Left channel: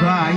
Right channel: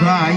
ভাই